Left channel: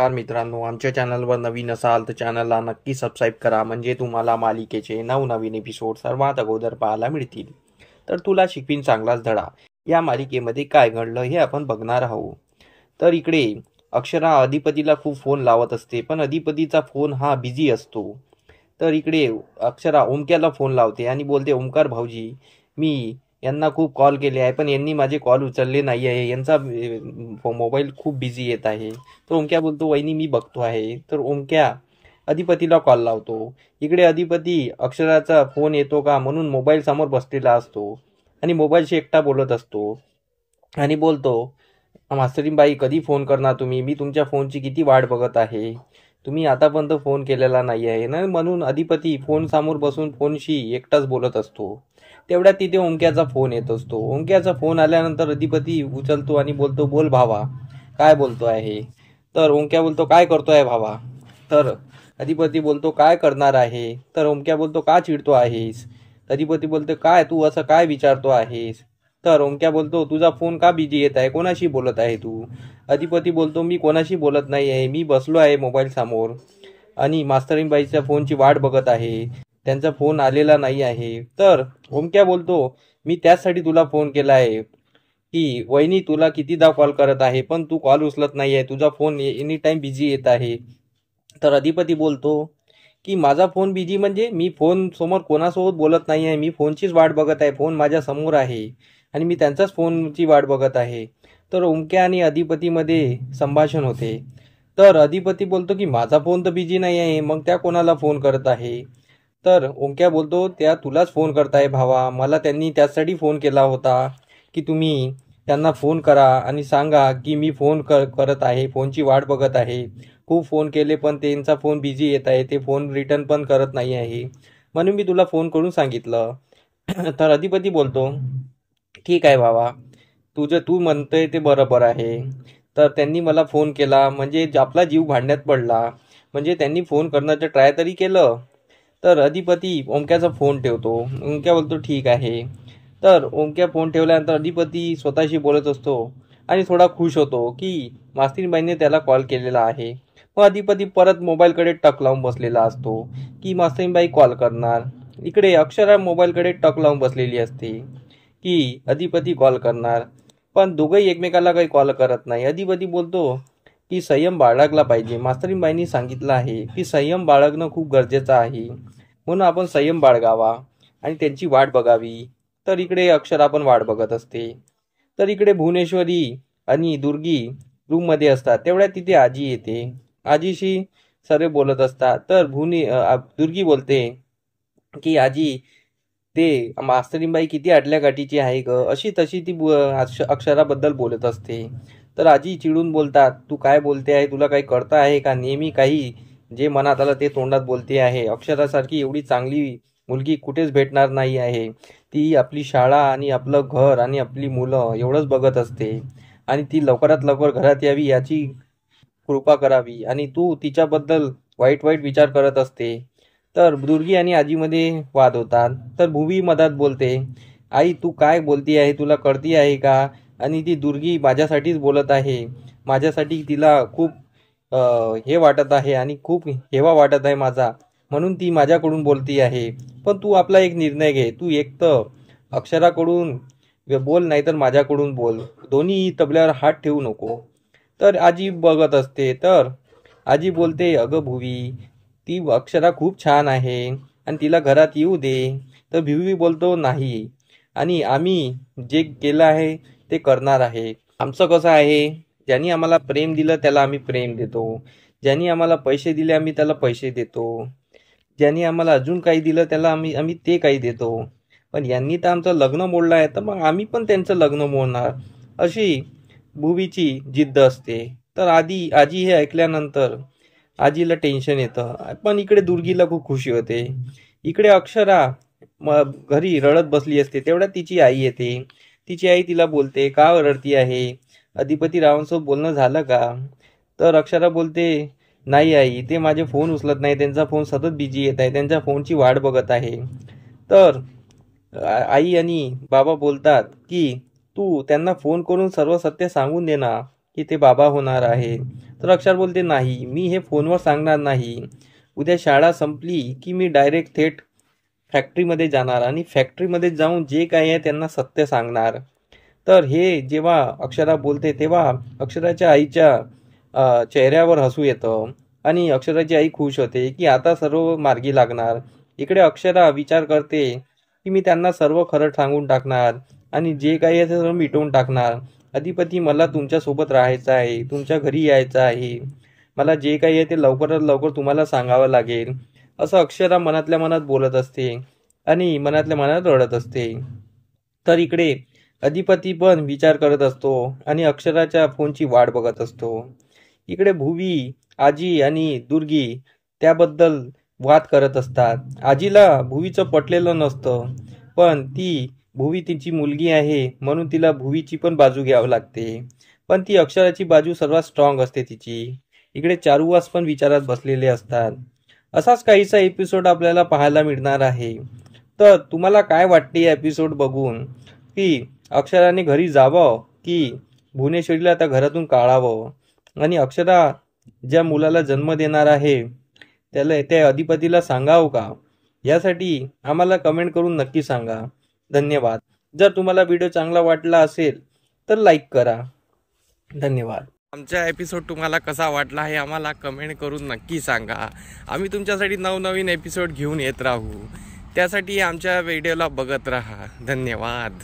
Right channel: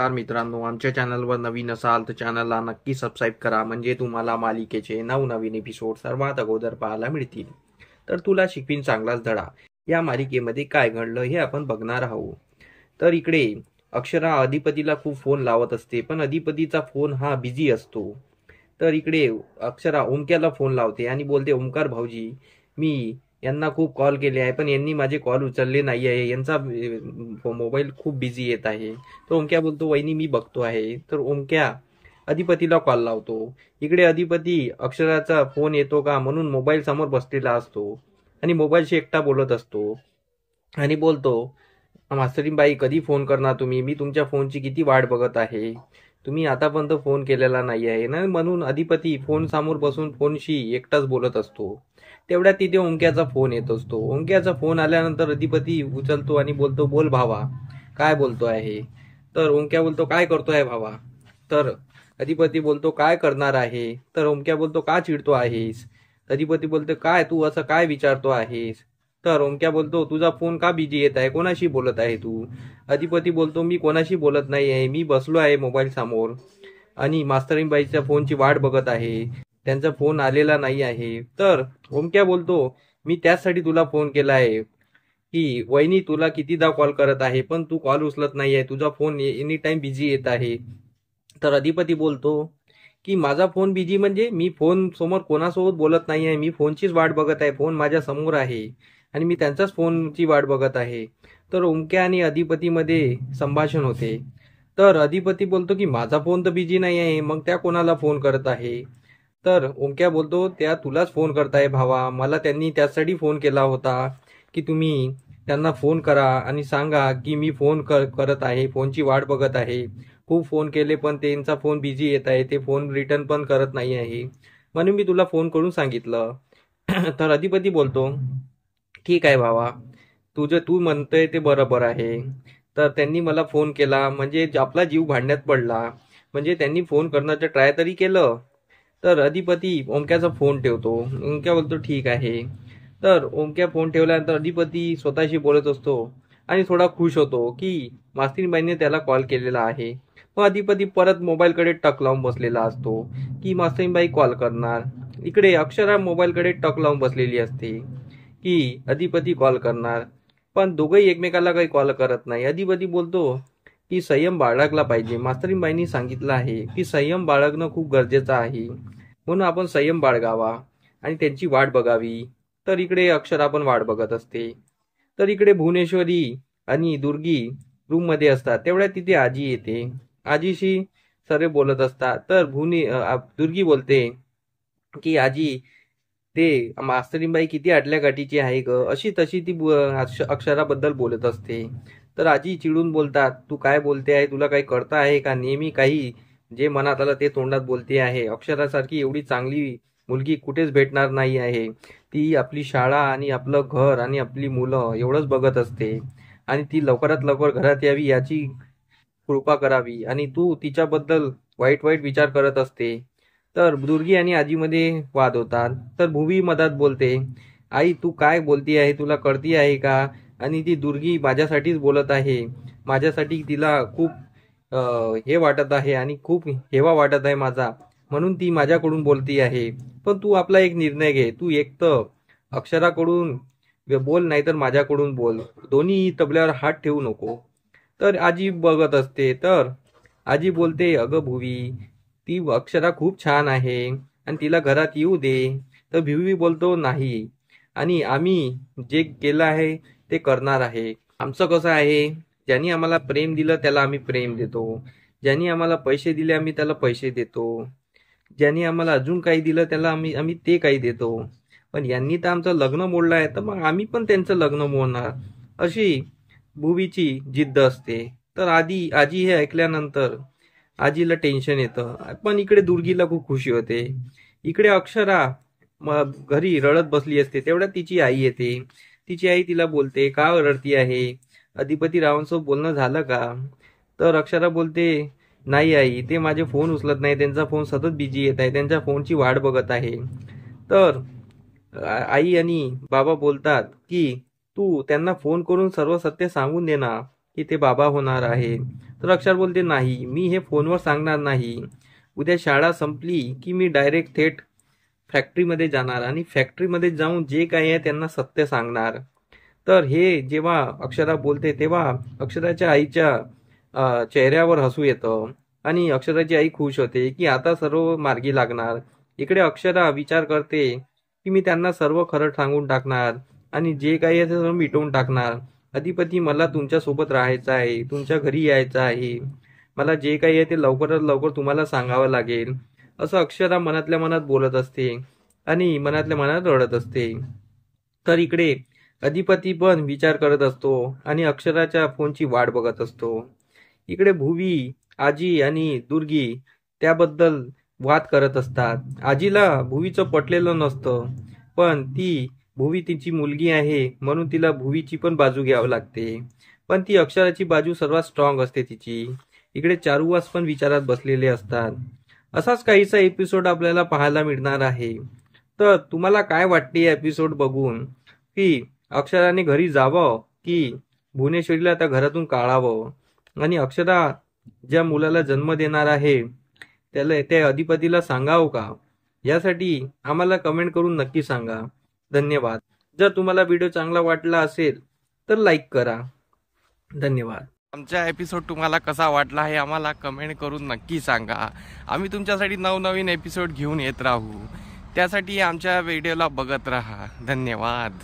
नमस्कार मित्रांनो, आमच्या चॅनलवर नवीन असाल तर चॅनलला नक्की सबस्क्राईब करा, म्हणजे तुम्हाला मालिकेचे नवनवीन एपिसोड सर्वात अगोदर पाहायला मिळतील. तर तुला शिकवीन चांगलाच धडा या मालिकेमध्ये काय घडलं हे आपण बघणार आहोत. तर इकडे अक्षरा अधिपतीला खूप फोन लावत असते, पण अधिपतीचा फोन हा बिझी असतो. तर इकडे अक्षरा ओमक्याला फोन लावते आणि बोलते, ओमकार भाऊजी, मी यांना खूप कॉल केले आहे पण यांनी माझे कॉल उचलले नाही आहे, यांचा मोबाईल खूप बिझी येत आहे. तर ओमक्या बोलतो, वहिनी मी बघतो आहे. तर ओमक्या अधिपतीला कॉल लावतो. इकडे अधिपती अक्षराचा फोन येतो का म्हणून मोबाईल समोर बसलेला असतो आणि मोबाईलशी एकटा बोलत असतो आणि बोलतो, मास्तरीबाई कधी फोन करणार तुम्ही, मी तुमच्या फोनची किती वाट बघत आहे, तुम्ही आतापर्यंत फोन केलेला नाही आहे ना. म्हणून अधिपती फोन समोर बसून फोनशी एकटाच बोलत असतो. तेवढ्यात तिथे ओंक्याचा फोन येत असतो. ओंक्याचा फोन आल्यानंतर अधिपती उचलतो आणि बोलतो, बोल भावा, काय बोलतो आहे. तर ओंक्या बोलतो, काय करतोय भावा. तर अधिपती बोलतो, काय करणार आहे. तर ओंक्या बोलतो, का चिडतो आहेस. अधिपती बोलतो, काय तू असं काय विचारतो आहेस. तर ओंक्या बोलतो, तुझा फोन का बिझी येत आहे, कोणाशी बोलत आहे तू. अधिपती बोलतो, मी कोणाशी बोलत नाही आहे, मी बसलो आहे मोबाईल समोर आणि मास्तरीबाईच्या फोनची वाट बघत आहे, त्यांचा फोन आलेला नाही आहे. तर ओमक्या बोलतो, मी त्याचसाठी तुला फोन केला आहे की वहिनी तुला कितीदा कॉल करत आहे पण तू कॉल उचलत नाही आहे, तुझा फोन एनी टाइम बिझी येत आहे. तर अधिपती बोलतो की माझा फोन बिझी म्हणजे मी फोन समोर कोणासोबत बोलत नाही आहे, मी फोनचीच वाट बघत आहे, फोन माझ्या समोर आहे आणि मी त्यांचाच फोनची वाट बघत आहे. तर ओमक्या आणि अधिपतीमध्ये संभाषण होते. तर अधिपती बोलतो की माझा फोन तर बिझी नाही आहे, मग त्या कोणाला फोन करत आहे. तर ओंक्या बोलतो, त्या तुलाच फोन करताय भावा, मला त्यांनी त्यासाठी फोन केला होता की तुम्ही त्यांना फोन करा आणि सांगा की मी फोन करत आहे, फोनची वाट बघत आहे, खूप फोन केले पण त्यांचा फोन बिझी येत आहे, ते फोन रिटर्न पण करत नाही आहे, म्हणून मी तुला फोन करून सांगितलं. तर अधिपती बोलतो, ठीक आहे भावा, तू म्हणतोय ते बरोबर आहे. तर त्यांनी मला फोन केला म्हणजे आपला जीव भांड्यात पडला, म्हणजे त्यांनी फोन करण्याचं ट्राय तरी केलं. तर अधिपती ओंक्याचा फोन ठेवतो. ओंक्या बोलतो, ठीक आहे. तर ओंक्या फोन ठेवल्यानंतर अधिपती स्वतःशी बोलत असतो आणि थोडा खुश होतो की मास्तरीबाईंनी त्याला कॉल केलेला आहे. मग अधिपती परत मोबाईलकडे टक लावून बसलेला असतो की मास्तरीबाई कॉल करणार. इकडे अक्षरा मोबाईलकडे टक लावून बसलेली असते की अधिपती कॉल करणार, पण दोघंही एकमेकाला काही कॉल करत नाही. अधिपती बोलतो की संयम बाळगला पाहिजे, मास्तरीबाईंनी सांगितलं आहे की संयम बाळगणं खूप गरजेचं आहे, म्हणून आपण संयम बाळगावा आणि त्यांची वाट बघावी. तर इकडे अक्षरा पण वाट बघत असते. तर इकडे भुवनेश्वरी आणि दुर्गी रूम मध्ये असतात. तेवढ्यात तिथे आजी येते. आजीशी सर्व बोलत असतात. तर दुर्गी बोलते की आजी, ते मास्तरीबाई किती आटल्या गाठीची आहे ग, अशी तशी ती अक्षराबद्दल बोलत असते. तर आजी चिडून बोलतात, तू काय बोलते आहे, तुला काही कळतं आहे का, नेहमी काही जे मनात आलं ते तोंडात बोलते आहे. अक्षरासारखी एवढी चांगली मुलगी कुठेच भेटणार नाही आहे. ती आपली शाळा आणि आपलं घर आणि आपली मुलं एवढंच बघत असते आणि ती लवकरात लवकर घरात यावी याची कृपा करावी आणि तू तिच्याबद्दल वाईट वाईट विचार करत असते. तर दुर्गी आणि आजीमध्ये वाद होतात. तर भुवी मधात बोलते, आई तू काय बोलती आहे, तुला कळती आहे का. आणि ती दुर्गी माझ्यासाठीच बोलत आहे, माझ्यासाठी तिला खूप हे वाटत आहे आणि खूप हेवा वाटत आहे माझा, म्हणून ती माझ्याकडून बोलती आहे. पण तू आपला एक निर्णय घे, तू एक तर अक्षराकडून बोल नाही तर माझ्याकडून बोल, दोन्ही तबल्यावर हात ठेवू नको. तर आजी बघत असते. तर आजी बोलते, अगं भुवी, ती अक्षरा खूप छान आहे आणि तिला घरात येऊ दे. तर भिवी बोलतो, नाही, आणि आम्ही जे केलं आहे ते करणार आहे. आमचं कसं आहे, ज्यांनी आम्हाला प्रेम दिलं त्याला आम्ही प्रेम देतो, ज्यांनी आम्हाला पैसे दिले आम्ही त्याला पैसे देतो, ज्यांनी आम्हाला अजून काही दिलं त्याला आम्ही आम्ही ते काही देतो. पण यांनी तर आमचं लग्न मोडलं आहे तर मग आम्ही पण त्यांचं लग्न मोडणार, अशी भुवीची जिद्द असते. तर आजी हे ऐकल्यानंतर आजीला टेन्शन येतं, पण इकडे दुर्गीला खूप खुशी होते. इकडे अक्षरा घरी रडत बसली असते. तेवढ्यात तिची आई येते. तिची आई तिला बोलते, का रडती आहे, अधिपती रावांसोबत बोलणं झालं का. तर अक्षरा बोलते, नाही आई, ते माझे फोन उचलत नाही, त्यांचा फोन सतत बिझी येत आहे, त्यांच्या फोनची वाट बघत आहे. तर आई आणि बाबा बोलतात की तू त्यांना फोन करून सर्व सत्य सांगून दे ना, की ते बाबा होणार आहे. तर अक्षर बोलते नाही, मी हे फोनवर सांगणार नाही. उद्या शाळा संपली की मी डायरेक्ट थेट फॅक्टरीमध्ये जाणार आणि फॅक्टरीमध्ये जाऊन जे काही आहे त्यांना सत्य सांगणार. तर हे जेव्हा अक्षरा बोलते तेव्हा अक्षराच्या आईच्या चेहऱ्यावर हसू येतं आणि अक्षराची आई खुश होते की आता सर्व मार्गी लागणार. इकडे अक्षरा विचार करते की मी त्यांना सर्व खरं सांगून टाकणार आणि जे काही आहे ते सर्व मिटवून टाकणार. अधिपती, मला तुमच्या सोबत राहायचं आहे, तुमच्या घरी यायचं आहे, मला जे काही आहे ते लवकरात लवकर तुम्हाला सांगावं लागेल, असं अक्षरा मनातल्या मनात बोलत असते आणि मनातल्या मनात रडत असते. तर इकडे अधिपती पण विचार करत असतो आणि अक्षराच्या फोनची वाट बघत असतो. इकडे भुवी, आजी आणि दुर्गी त्याबद्दल वाद करत असतात. आजीला भुवीचं पटलेलं नसतं, पण ती भुवी तिची मुलगी आहे म्हणून तिला भुवीची पण बाजू घ्यावी लागते. पण ती अक्षराची बाजू सर्वात स्ट्रॉंग असते तिची. इकडे चारुवास पण विचारात बसलेले असतात. असाच काहीसा एपिसोड आपल्याला पाहायला मिळणार आहे. तर तुम्हाला काय वाटते या एपिसोड बघून, की अक्षराने घरी जावं की भुवनेश्वरीला त्या घरातून काढावं आणि अक्षरा ज्या मुलाला जन्म देणार आहे त्याला त्या अधिपतीला सांगावं का, यासाठी आम्हाला कमेंट करून नक्की सांगा. धन्यवाद. जर तुम्हाला व्हिडिओ चांगला वाटला असेल तर लाईक करा. धन्यवाद. आमचा एपिसोड तुम्हाला कसा वाटला हे आम्हाला कमेंट करून नक्की सांगा. आम्ही तुमच्यासाठी नवनवीन एपिसोड घेऊन येत राहू. त्यासाठी आमच्या व्हिडिओला बघत राहा. धन्यवाद.